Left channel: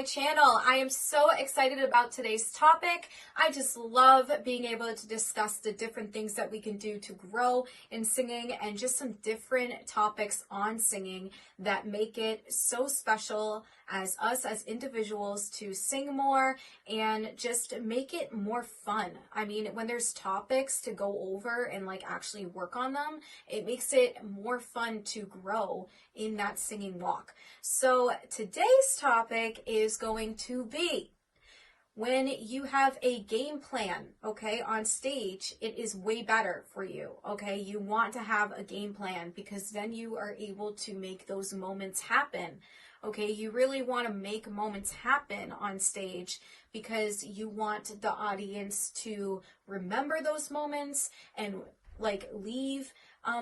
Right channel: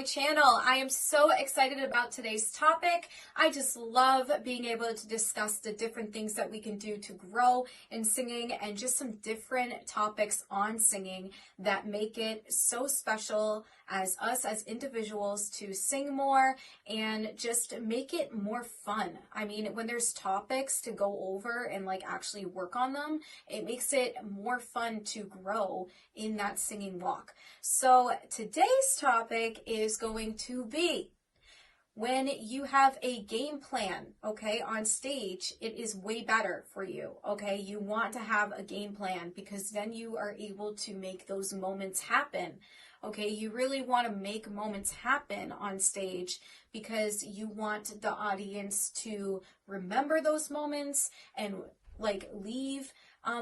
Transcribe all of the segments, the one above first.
my channel. I am so excited about today's topic. I just love being able to discuss the different things that we can do to grow in singing and just some different topics on singing that make it so special as us as individuals to sing more and just make it more fun. I mean, when there's topics to go over and like actually work on them, it makes it more fun to grow in that singing walk. So today's topic is going to be when you have a game plan, okay, on stage, it is way better for you, okay? You want to have a game plan because then you are able to make those moments happen, okay? You really want to make moments happen on stage because you want the audience to remember those moments and like leave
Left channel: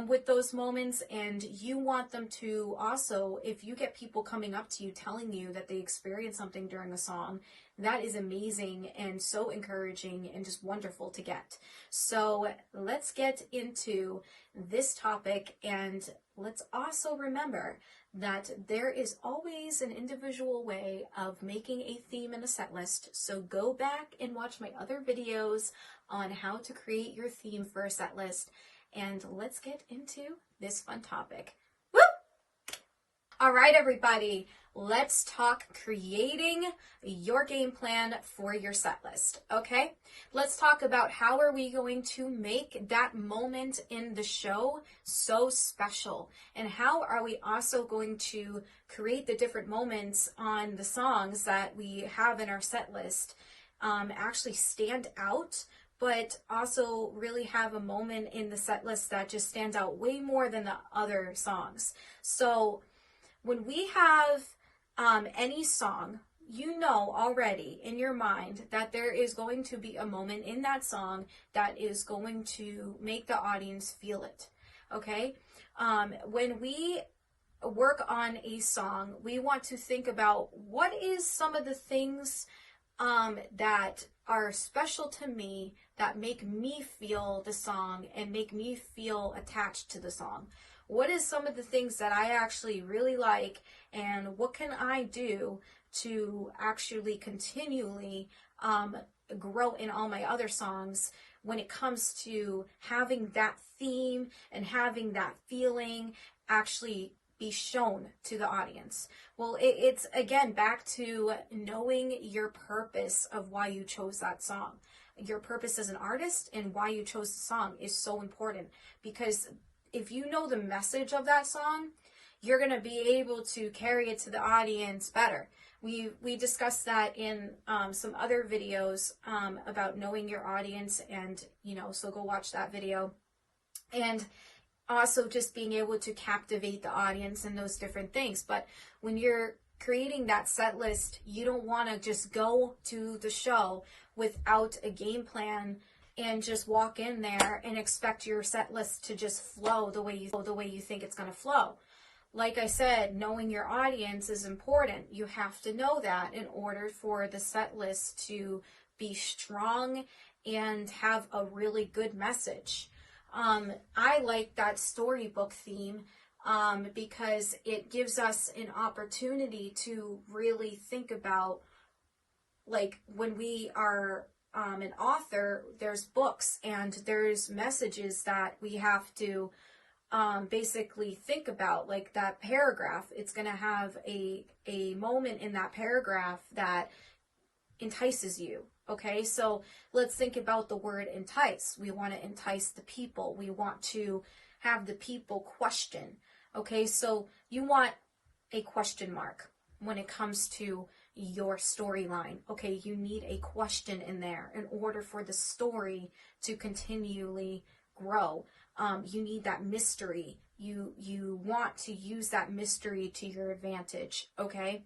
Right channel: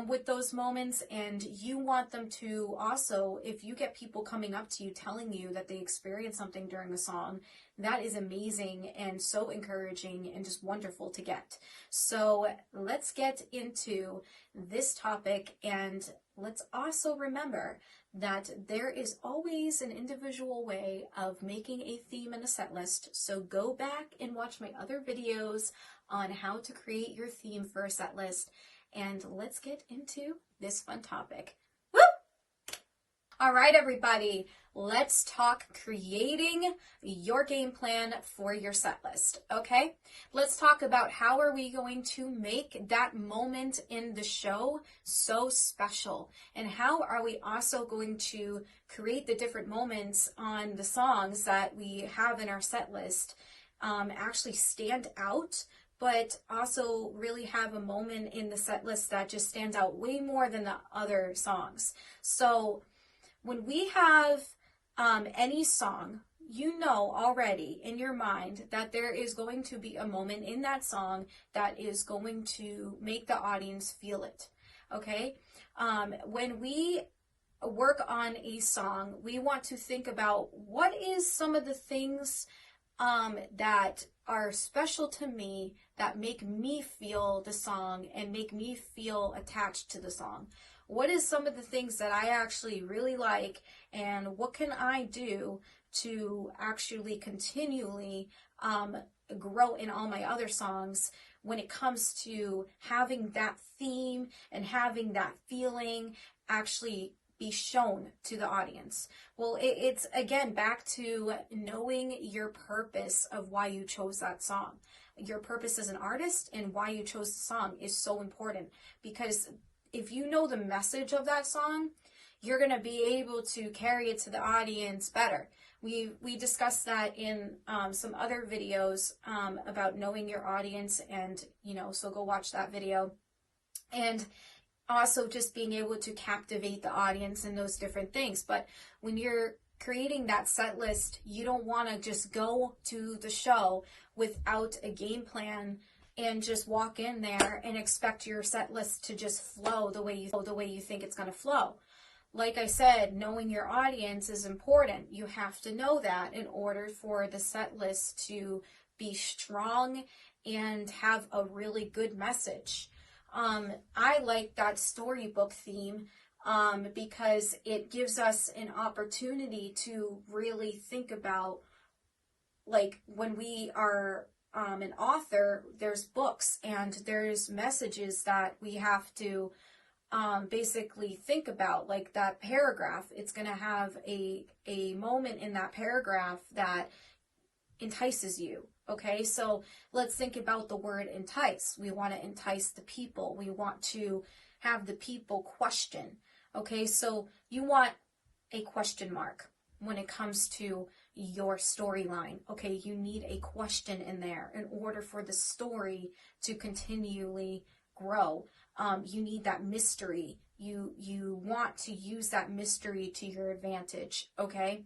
with those moments, and you want them to also, if you get people coming up to you telling you that they experienced something during a song, that is amazing and so encouraging and just wonderful to get. So let's get into this topic, and let's also remember that there is always an individual way of making a theme in a set list. So go back and watch my other videos on how to create your theme for a set list. And let's get into this fun topic. Woo! All right, everybody, let's talk creating your game plan for your set list, okay? Let's talk about how are we going to make that moment in the show so special, and how are we also going to create the different moments on the songs that we have in our set list actually stand out, but also really have a moment in the set list that just stands out way more than the other songs. So when we have any song, you know already in your mind that there is going to be a moment in that song that is going to make the audience feel it, okay? When we work on a song, we want to think about what is some of the things that are special to me that make me feel the song and make me feel attached to the song. What is some of the things that I actually really like, and what can I do to actually continually grow in all my other songs when it comes to having that theme and having that feeling actually be shown to the audience? Well, it's again back to knowing your purpose of why you chose that song. Your purpose as an artist and why you chose the song is so important, because if you know the message of that song, you're going to be able to carry it to the audience better. We discussed that in some other videos about knowing your audience, and so go watch that video. And also just being able to captivate the audience and those different things. But when you're creating that set list, you don't want to just go to the show without a game plan and just walk in there and expect your set list to just flow the way you think it's going to flow. Like I said, knowing your audience is important. You have to know that in order for the set list to be strong and have a really good message. I like that storybook theme because it gives us an opportunity to really think about, like, when we are an author, there's books and there's messages that we have to basically think about, like that paragraph. It's going to have a moment in that paragraph that entices you. Okay, so let's think about the word entice. We want to entice the people. We want to have the people question. Okay, so you want a question mark when it comes to your storyline. Okay, you need a question in there in order for the story to continually grow. You need that mystery. You want to use that mystery to your advantage. Okay,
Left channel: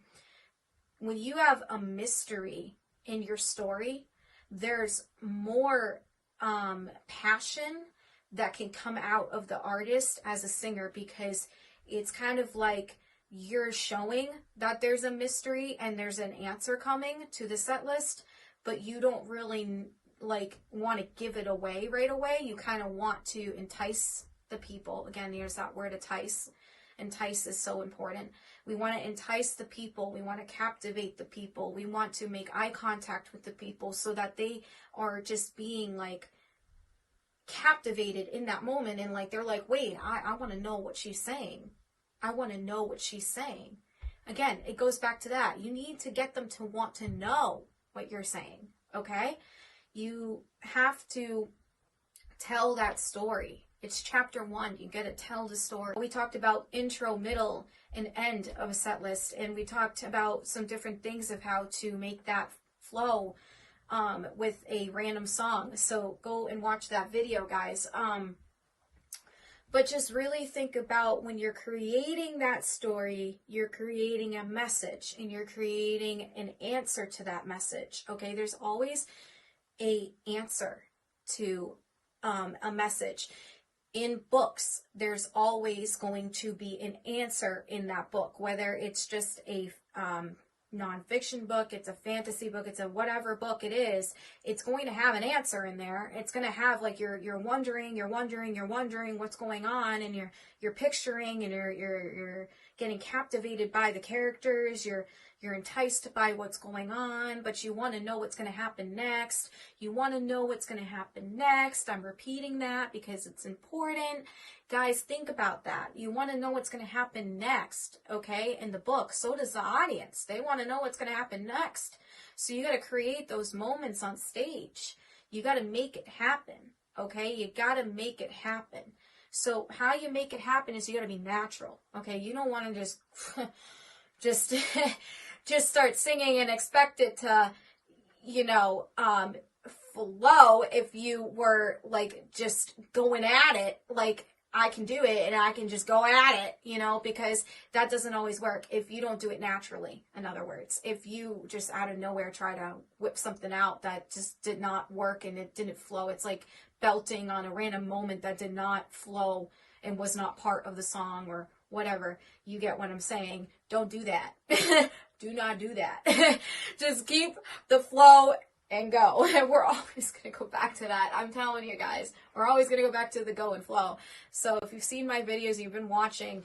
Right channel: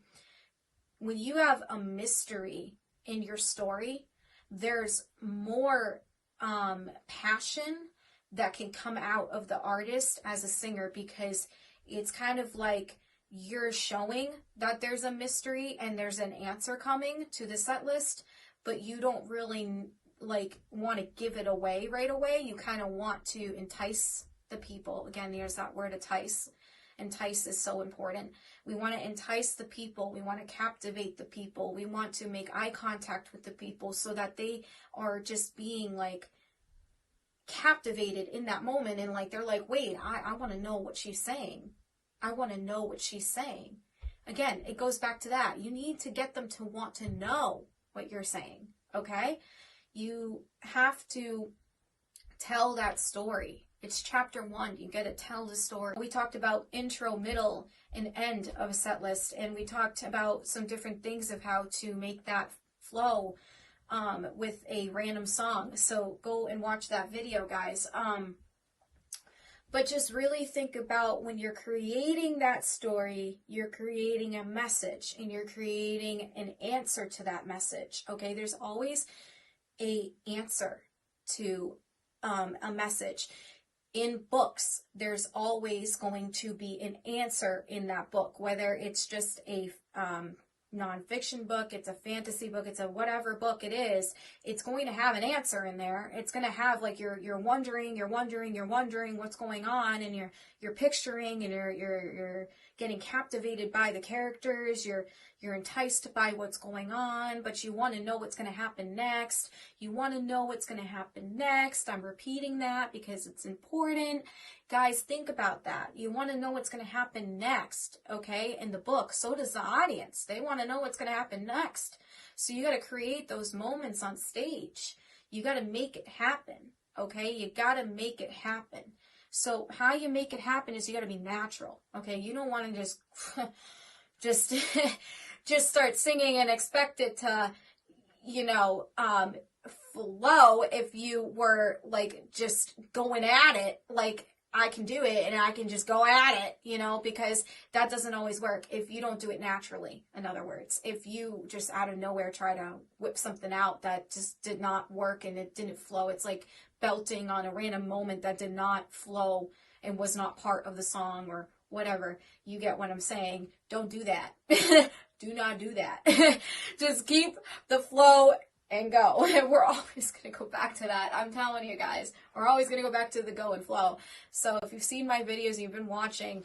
when you have a mystery in your story, there's more passion that can come out of the artist as a singer, because it's kind of like you're showing that there's a mystery and there's an answer coming to the set list, but you don't really like want to give it away right away. You kind of want to entice the people. Again, there's that word entice. Entice is so important. We want to entice the people. We want to captivate the people. We want to make eye contact with the people so that they are just being like captivated in that moment. And like, they're like, wait, I want to know what she's saying. I want to know what she's saying. Again, it goes back to that. You need to get them to want to know what you're saying. Okay? You have to tell that story. It's chapter 1. You got to tell the story. We talked about intro, middle, and end of a set list, and we talked about some different things of how to make that flow with a random song. So go and watch that video, guys. But just really think about when you're creating that story, you're creating a message and you're creating an answer to that message. Okay, there's always a answer to a message. In books, there's always going to be an answer in that book, whether it's just a nonfiction book, it's a fantasy book, it's a whatever book it is, it's going to have an answer in there. It's going to have like you're wondering what's going on, and you're picturing, and you're getting captivated by the characters, you're enticed by what's going on, but you want to know what's going to happen next. You want to know what's going to happen next. I'm repeating that because it's important. Guys, think about that. You want to know what's going to happen next, okay, in the book. So does the audience. They want to know what's going to happen next. So you got to create those moments on stage. You got to make it happen, okay? You got to make it happen. So how you make it happen is you got to be natural, okay? You don't want to just just start singing and expect it to, flow. If you were like just going at it, like I can do it and I can just go at it, because that doesn't always work if you don't do it naturally. In other words, if you just out of nowhere try to whip something out that just did not work and it didn't flow, it's like belting on a random moment that did not flow and was not part of the song or whatever. You get what I'm saying? Don't do that. Do not do that. Just keep the flow and go. And we're always going to go back to that. I'm telling you guys, we're always going to go back to the go and flow. So if you've seen my videos, you've been watching,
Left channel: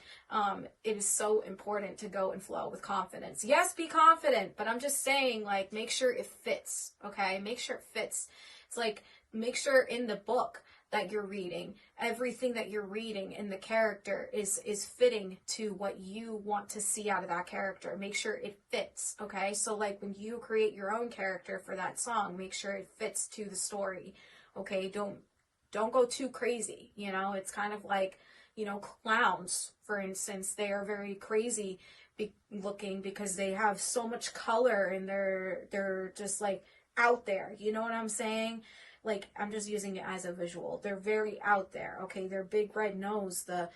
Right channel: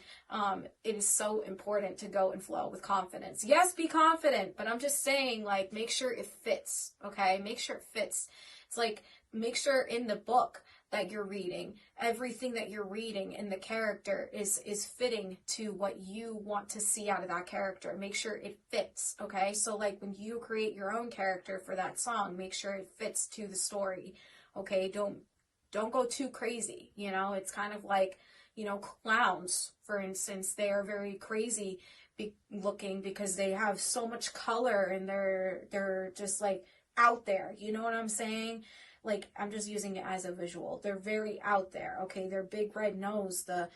it is so important to go and flow with confidence. Yes, be confident, but I'm just saying, like, make sure it fits, okay? Make sure it fits. It's like, make sure in the book that you're reading, everything that you're reading in the character is fitting to what you want to see out of that character. Make sure it fits, okay? So like when you create your own character for that song, make sure it fits to the story, okay? Don't go too crazy, It's kind of like, clowns, for instance. They are very crazy looking because they have so much color and they're just like out there, you know what I'm saying? Like, I'm just using it as a visual. They're very out there, okay? Their big red nose, the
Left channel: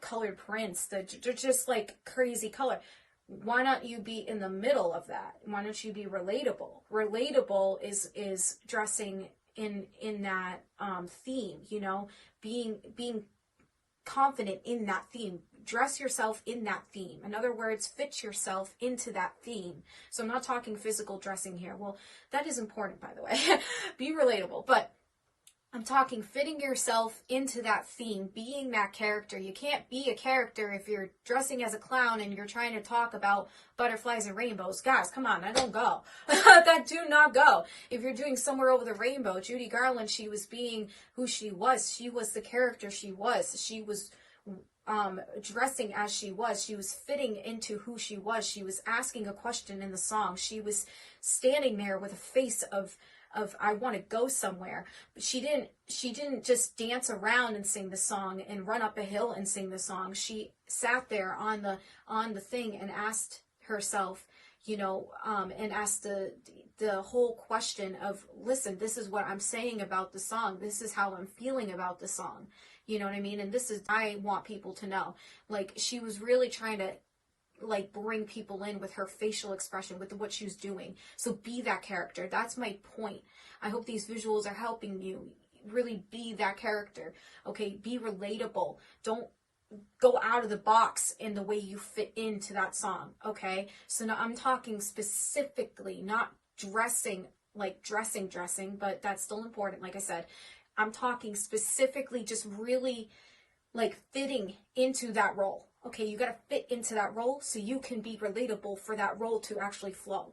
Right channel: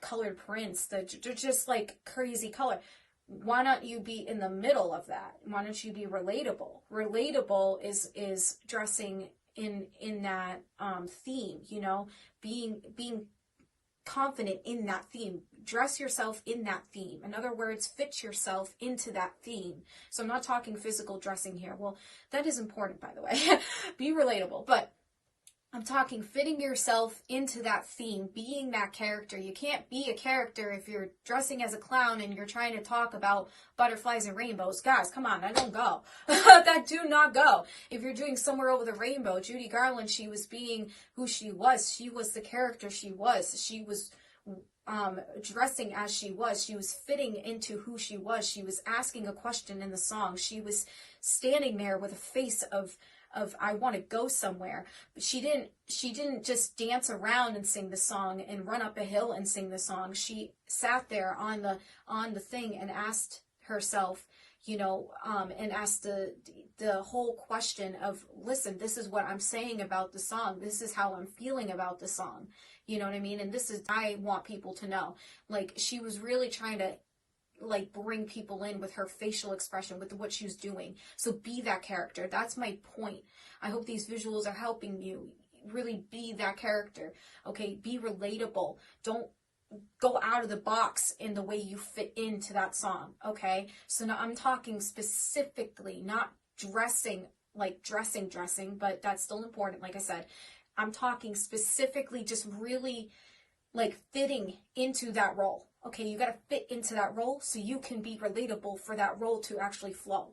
colored prints, they're just like crazy color. Why not you be in the middle of that? Why don't you be relatable? Relatable is dressing in that theme, being confident in that theme. Dress yourself in that theme. In other words, fit yourself into that theme. So I'm not talking physical dressing here. Well, that is important, by the way. Be relatable. But I'm talking fitting yourself into that theme, being that character. You can't be a character if you're dressing as a clown and you're trying to talk about butterflies and rainbows. Guys, come on, that don't go. That do not go. If you're doing Somewhere Over the Rainbow, Judy Garland, she was being who she was. She was the character she was. She was dressing as she was. She was fitting into who she was. She was asking a question in the song. She was standing there with a face of I want to go somewhere. But she didn't just dance around and sing the song and run up a hill and sing the song. She sat there on the thing and asked herself, and asked the whole question of, listen, this is what I'm saying about the song. This is how I'm feeling about the song. You know what I mean? And this is, I want people to know. Like, she was really trying to like bring people in with her facial expression, with what she was doing. So be that character. That's my point. I hope these visuals are helping you really be that character. Okay, be relatable. Don't go out of the box in the way you fit into that song. Okay, so now I'm talking specifically, not dressing, but that's still important. Like I said, I'm talking specifically just really like fitting into that role. Okay, you got to fit into that role so you can be relatable for that role to actually flow.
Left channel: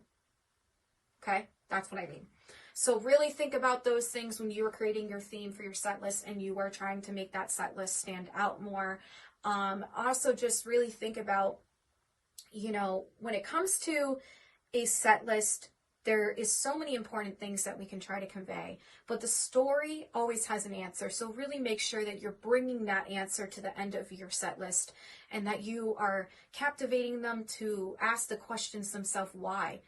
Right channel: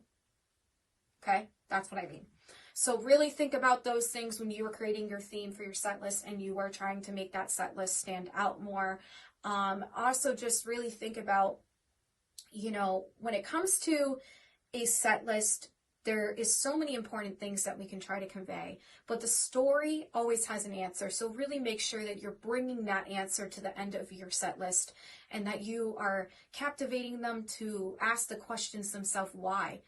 Okay, that's what I mean. So really think about those things when you are creating your theme for your set list and you are trying to make that set list stand out more. Also, just really think about, when it comes to a set list, there is so many important things that we can try to convey, but the story always has an answer. So really make sure that you're bringing that answer to the end of your set list and that you are captivating them to ask the questions themselves. Why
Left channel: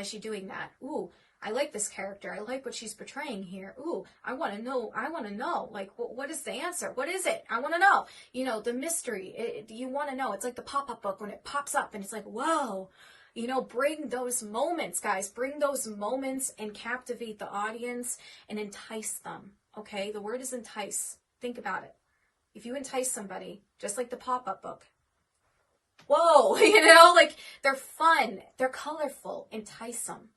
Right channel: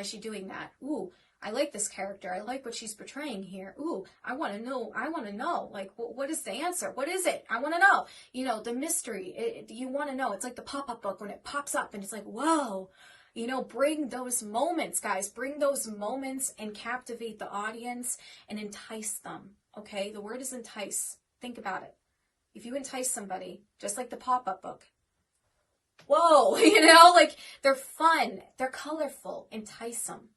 is she doing that? Ooh, I like this character. I like what she's portraying here. Ooh, I want to know. Like, what is the answer? What is it? I want to know. The mystery. You want to know. It's like the pop-up book when it pops up and it's like, whoa. Bring those moments, guys. Bring those moments and captivate the audience and entice them. Okay? The word is entice. Think about it. If you entice somebody, just like the pop-up book, whoa, like they're fun, they're colorful, entice them,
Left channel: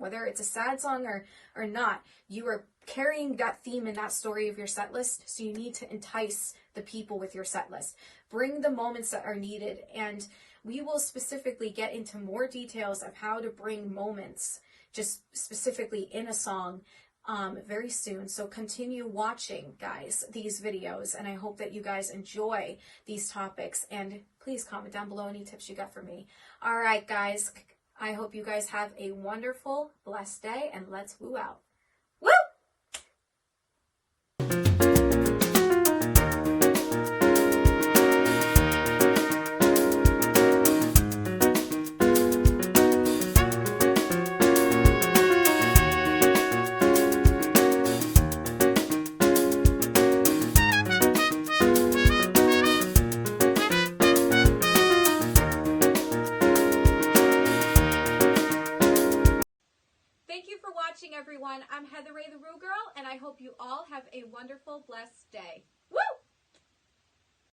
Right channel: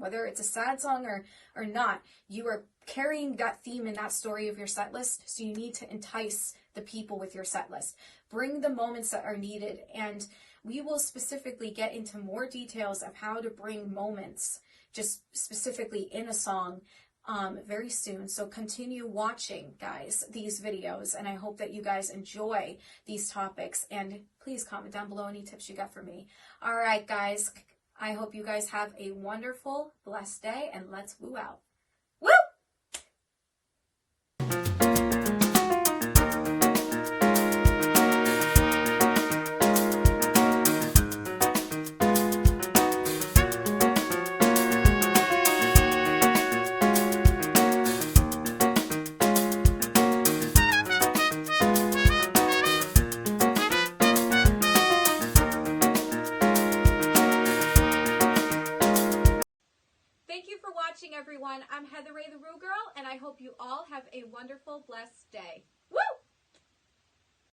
whether it's a sad song or not. You are carrying that theme and that story of your set list, so you need to entice the people with your set list. Bring the moments that are needed, and we will specifically get into more details of how to bring moments, just specifically in a song, very soon. So continue watching, guys, these videos, and I hope that you guys enjoy these topics, and please comment down below any tips you got for me. All right, guys, I hope you guys have a wonderful, blessed day, and let's woo out. Woo! Thank you for watching, everyone. I'm Heather Ray, the Rue Girl, and I hope you all have a wonderful, blessed day.